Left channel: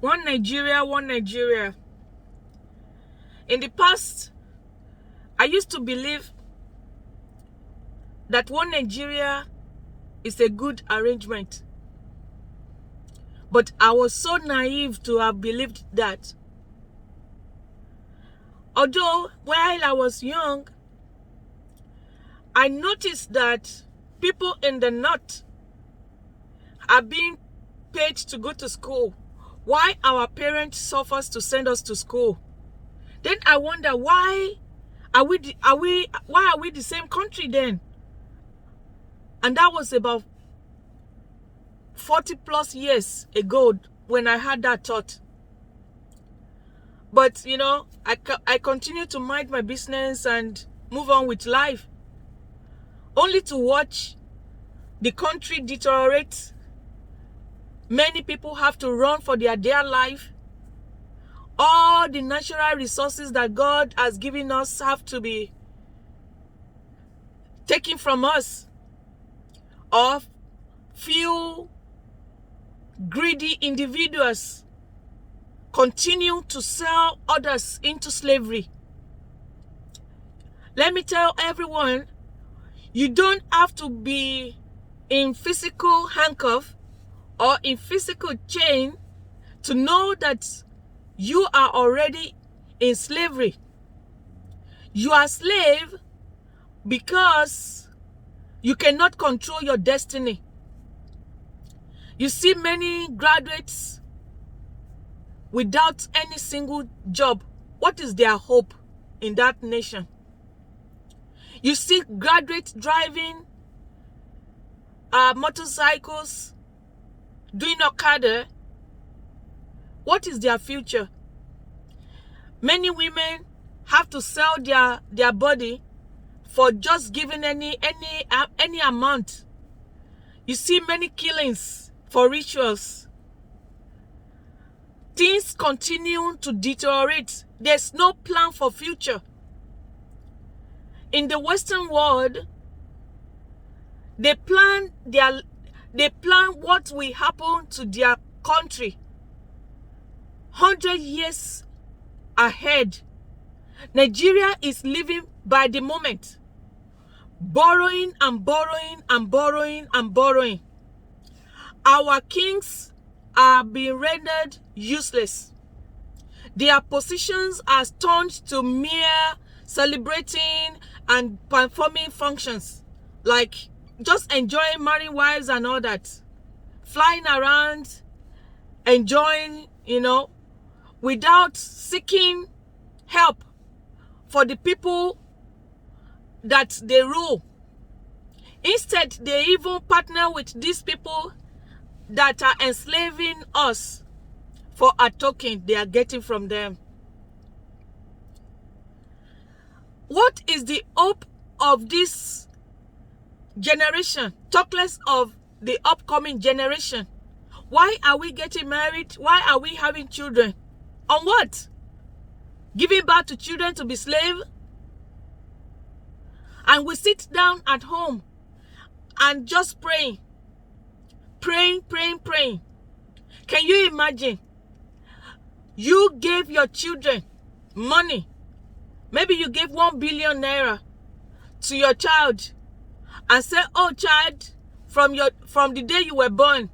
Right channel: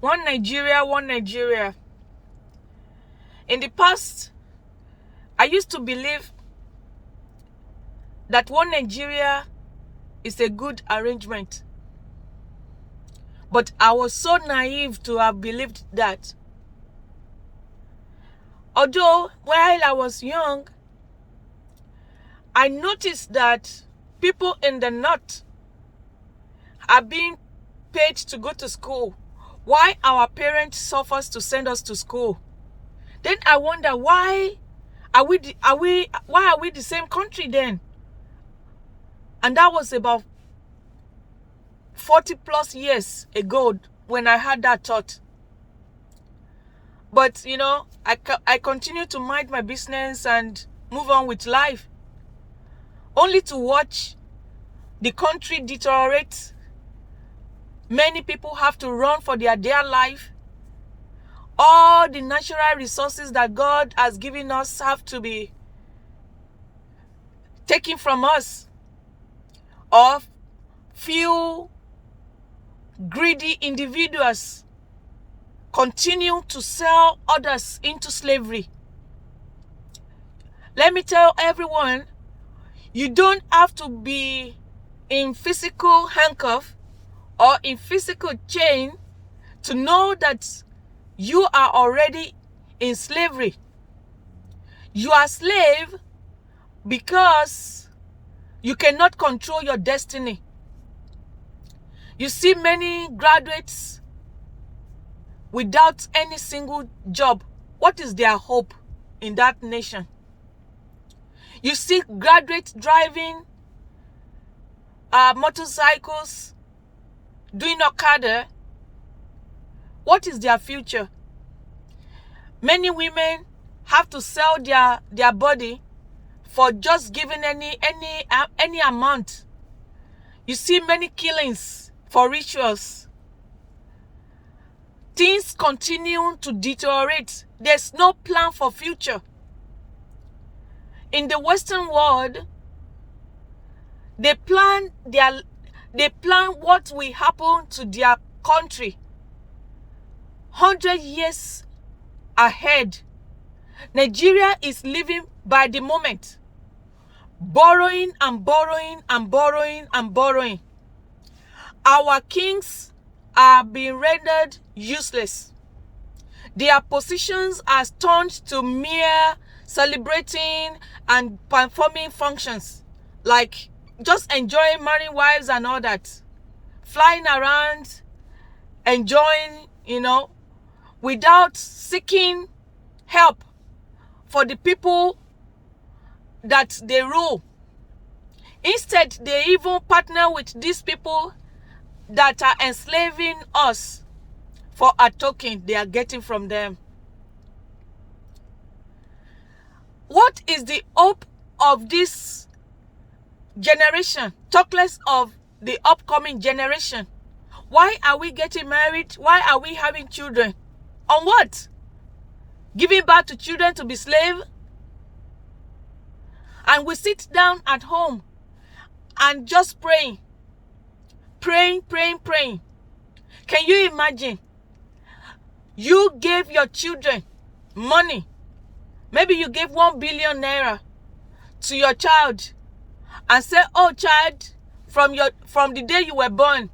One Nigeria, one Nigeria. In the past, I used to believe that one Nigeria is a good arrangement. But I was so naive to have believed that. Although, while I was young, I noticed that people in the north are being paid to go to school, why our parents suffers to send us to school. Then I wonder, why are we the same country then? And that was about 40 plus years ago when I had that thought. But you know, I continue to mind my business and move on with life, only to watch the country deteriorate. Many people have to run for their dear life. All the natural resources that God has given us have to be taken from us, or few greedy individuals continue to sell others into slavery. Let me tell everyone, you don't have to be in physical handcuff or in physical chain to know that you are already in slavery. You are a slave because you cannot control your destiny. You see many graduates without any single job. What is their hope in that nation? You see graduates driving motorcycles, doing Okada. What is their future? Many women have to sell their body for just giving any amount. You see many killings for rituals. Things continue to deteriorate. There's no plan for future. In the Western world, they plan what will happen to their country 100 years ahead. Nigeria is living by the moment, borrowing and borrowing and borrowing and borrowing. Our kings are being rendered useless. Their positions are turned to mere celebrating and performing functions, like just enjoying marrying wives and all that, flying around, enjoying, without seeking help for the people that they rule. Instead, they even partner with these people that are enslaving us for a token they are getting from them. What is the hope of this generation? Talk less of the upcoming generation. Why are we getting married? Why are we having children? On what? Giving birth to children to be slaves? And we sit down at home and just praying. Praying. Can you imagine? You gave your children money. Maybe you gave 1 billion naira to your child and say, oh child, from the day you were born,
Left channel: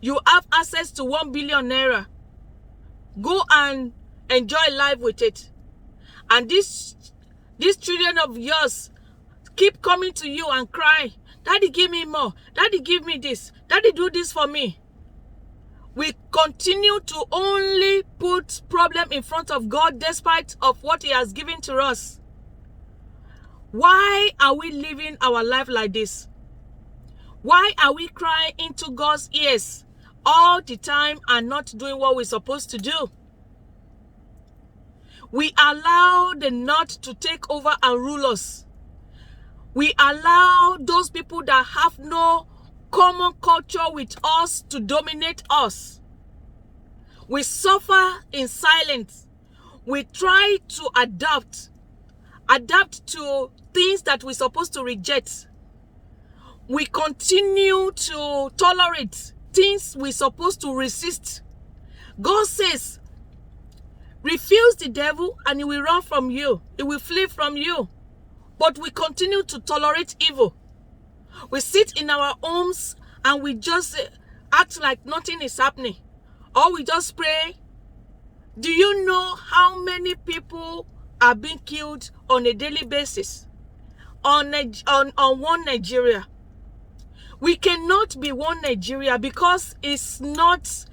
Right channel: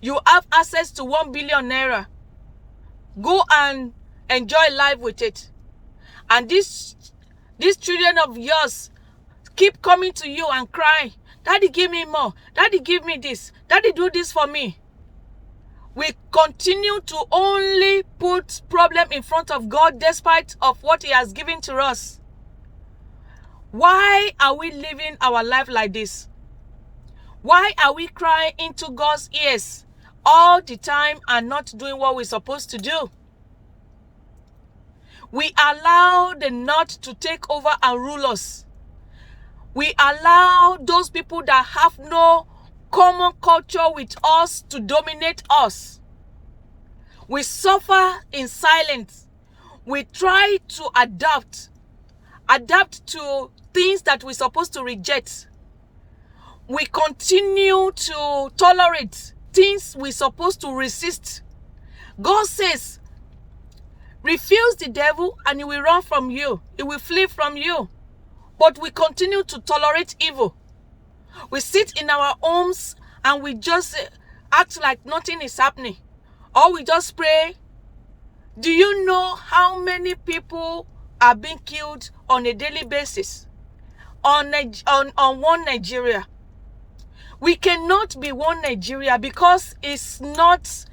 you have access to 1 billion naira. Go and enjoy life with it. And these children of yours keep coming to you and cry, Daddy, give me more. Daddy, give me this. Daddy, do this for me. We continue to only put problem in front of God despite of what He has given to us. Why are we living our life like this? Why are we crying into God's ears all the time and not doing what we're supposed to do? We allow the North to take over and rule us. We allow those people that have no common culture with us to dominate us. We suffer in silence. We try to adapt to things that we're supposed to reject. We continue to tolerate things we're supposed to resist. God says, refuse the devil and he will run from you. He will flee from you. But we continue to tolerate evil. We sit in our homes and we just act like nothing is happening. Or we just pray. Do you know how many people are being killed on a daily basis on one Nigeria? We cannot be one Nigeria because it's not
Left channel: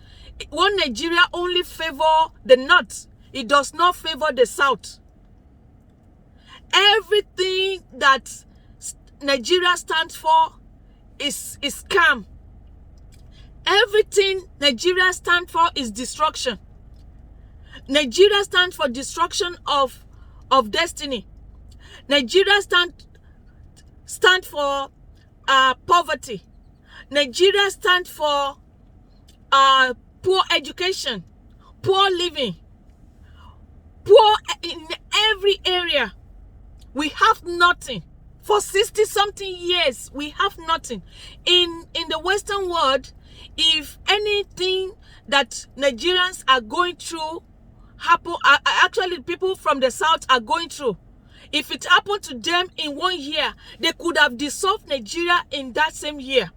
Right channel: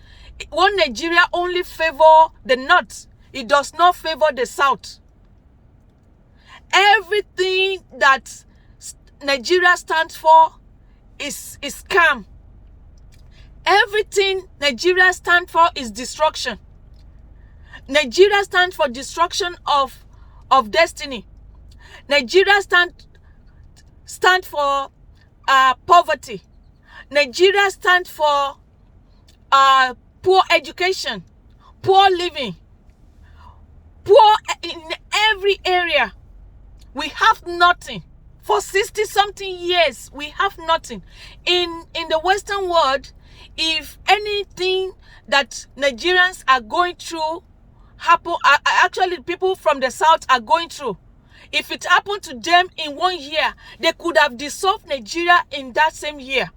one Nigeria only favor the north. It does not favor the south. Everything that Nigeria stands for is scam. Everything Nigeria stands for is destruction. Nigeria stands for destruction of destiny. Nigeria stand for poverty. Nigeria stands for poor education, poor living, poor in every area. We have nothing. For 60-something years, we have nothing. In the Western world, if anything that Nigerians are going through happen, actually people from the South are going through, if it happened to them in 1 year, they could have dissolved Nigeria in that same year.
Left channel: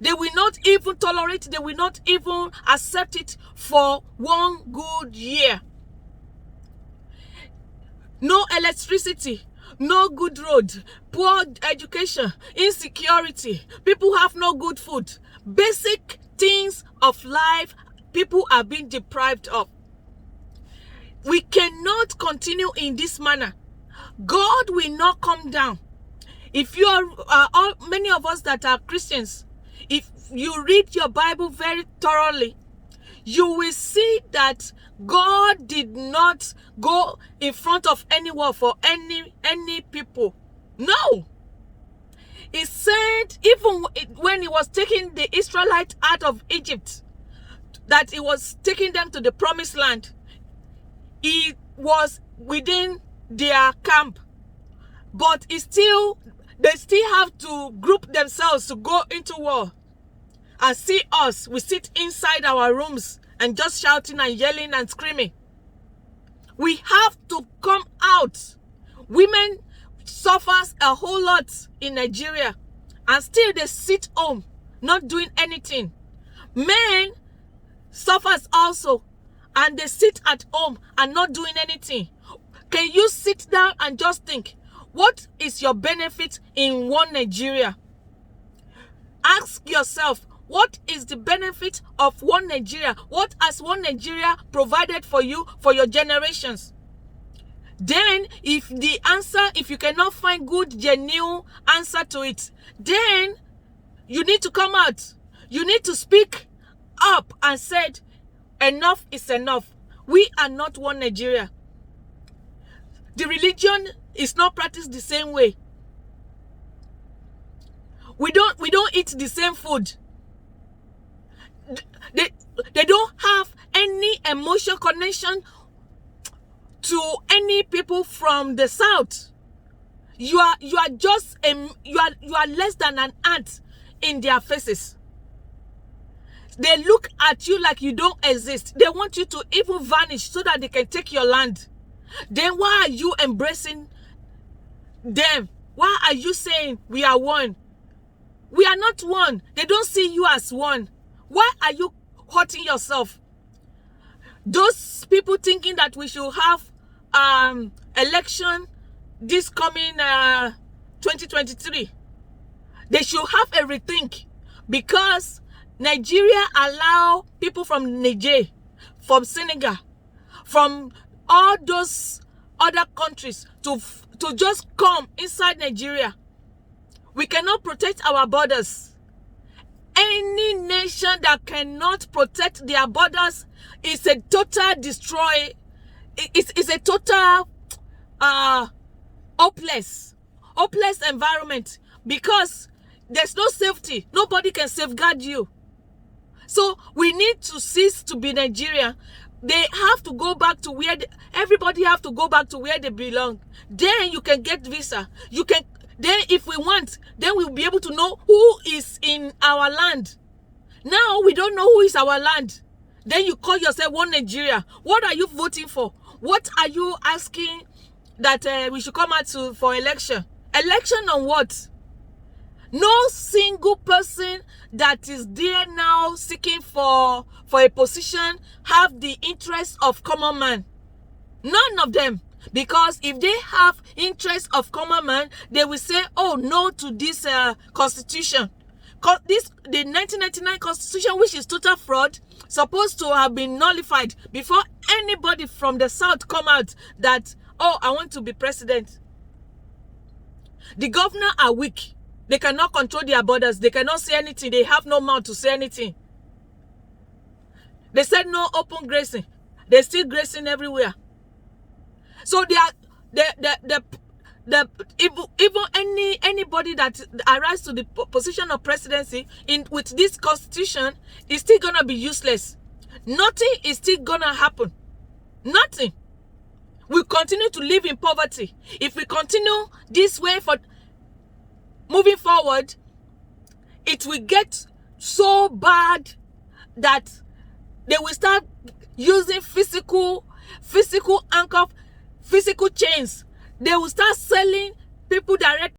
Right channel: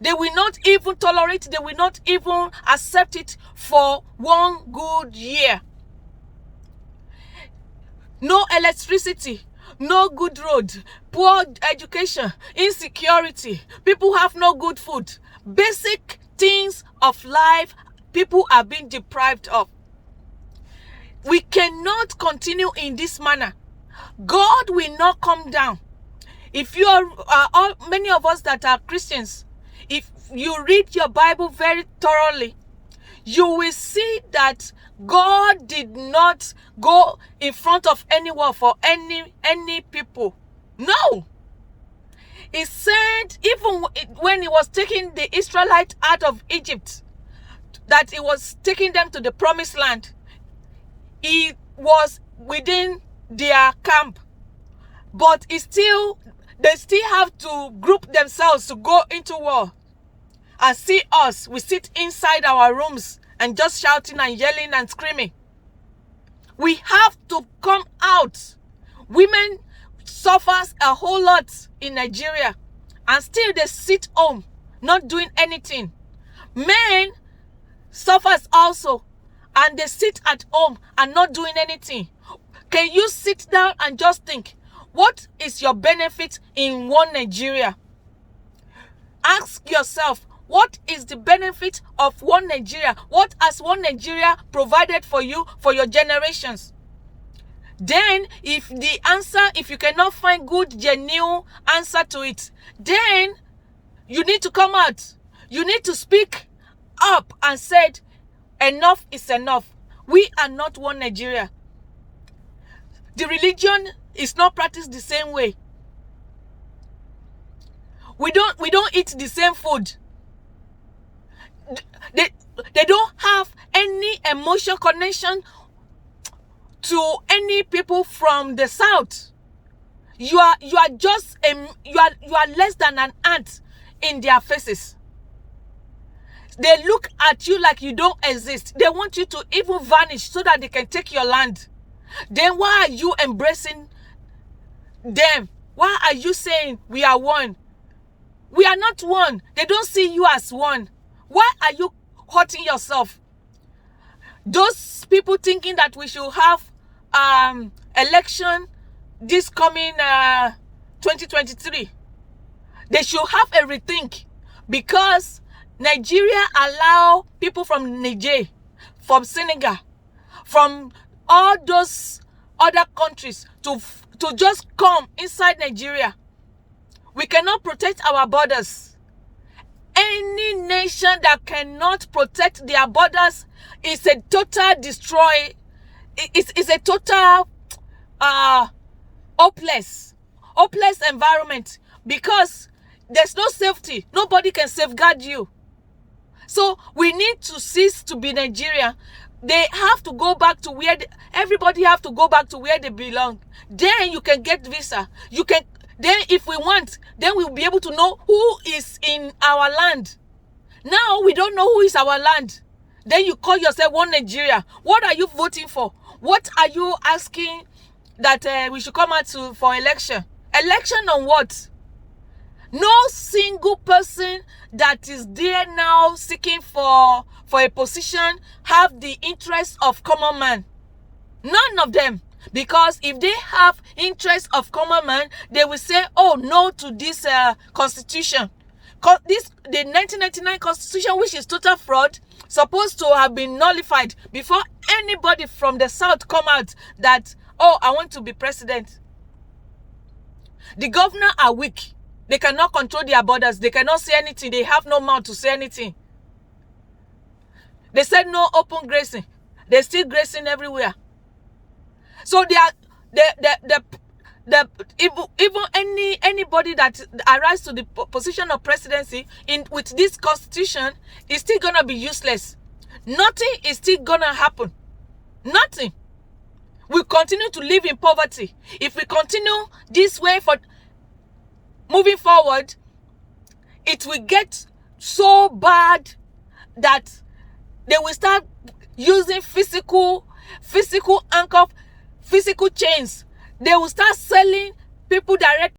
They will not even tolerate, they will not even accept it for 1 good year. No electricity, no good road, poor education, insecurity, people have no good food. Basic things of life, people are being deprived of. We cannot continue in this manner. God will not come down. If you are, many of us that are Christians, if you read your Bible very thoroughly, you will see that God did not go in front of anyone for any people. No. He said, even when he was taking the Israelites out of Egypt, that he was taking them to the promised land, he was within their camp. But they still have to group themselves to go into war. And see us, we sit inside our rooms and just shouting and yelling and screaming. We have to come out. Women suffers a whole lot in Nigeria, and still they sit home, not doing anything. Men suffers also, and they sit at home and not doing anything. Can you sit down and just think, what is your benefit in one Nigeria? Ask yourself, what is the benefit of one Nigeria? What has one Nigeria provided for you for your generations? Then, if you cannot find good, genuine answer to it, then you need to come out. You need to speak up and say, enough is enough. We are not one Nigeria. The religion is not practiced the same way. We don't eat the same food. They don't have any emotional connection to any people from the South. You are just you are less than an ant in their faces. They look at you like you don't exist. They want you to even vanish so that they can take your land. Then why are you embracing them? Why are you saying we are one? We are not one. They don't see you as one. Why are you hurting yourself? Those people thinking that we should have election this coming 2023, they should have a rethink, because Nigeria allow people from Niger, from Senegal, from all those other countries to just come inside Nigeria. We cannot protect our borders. Any nation that cannot protect their borders is a total destroy. It's a total hopeless environment, because there's no safety. Nobody can safeguard you. So we need to cease to be Nigeria. They have to go back to where everybody have to go back to where they belong. Then you can get visa. You can. Then if we want, then we'll be able to know who is in our land. Now we don't know who is our land. Then you call yourself One Nigeria. What are you voting for? What are you asking that we should come out for election? Election on what? No single person that is there now seeking for a position have the interest of common man. None of them. Because if they have interest of common man, they will say, oh, no to this constitution. The 1999 constitution, which is total fraud, supposed to have been nullified before anybody from the south come out that, oh, I want to be president. The governor are weak. They cannot control their borders. They cannot say anything. They have no mouth to say anything. They said no open grazing. They're still grazing everywhere. So they are even anybody that arrives to the position of presidency with this constitution is still gonna be useless. Nothing is still gonna happen. Nothing. We continue to live in poverty. If we continue this way for moving forward, it will get so bad that they will start using physical anchor, physical chains. They will start selling people direct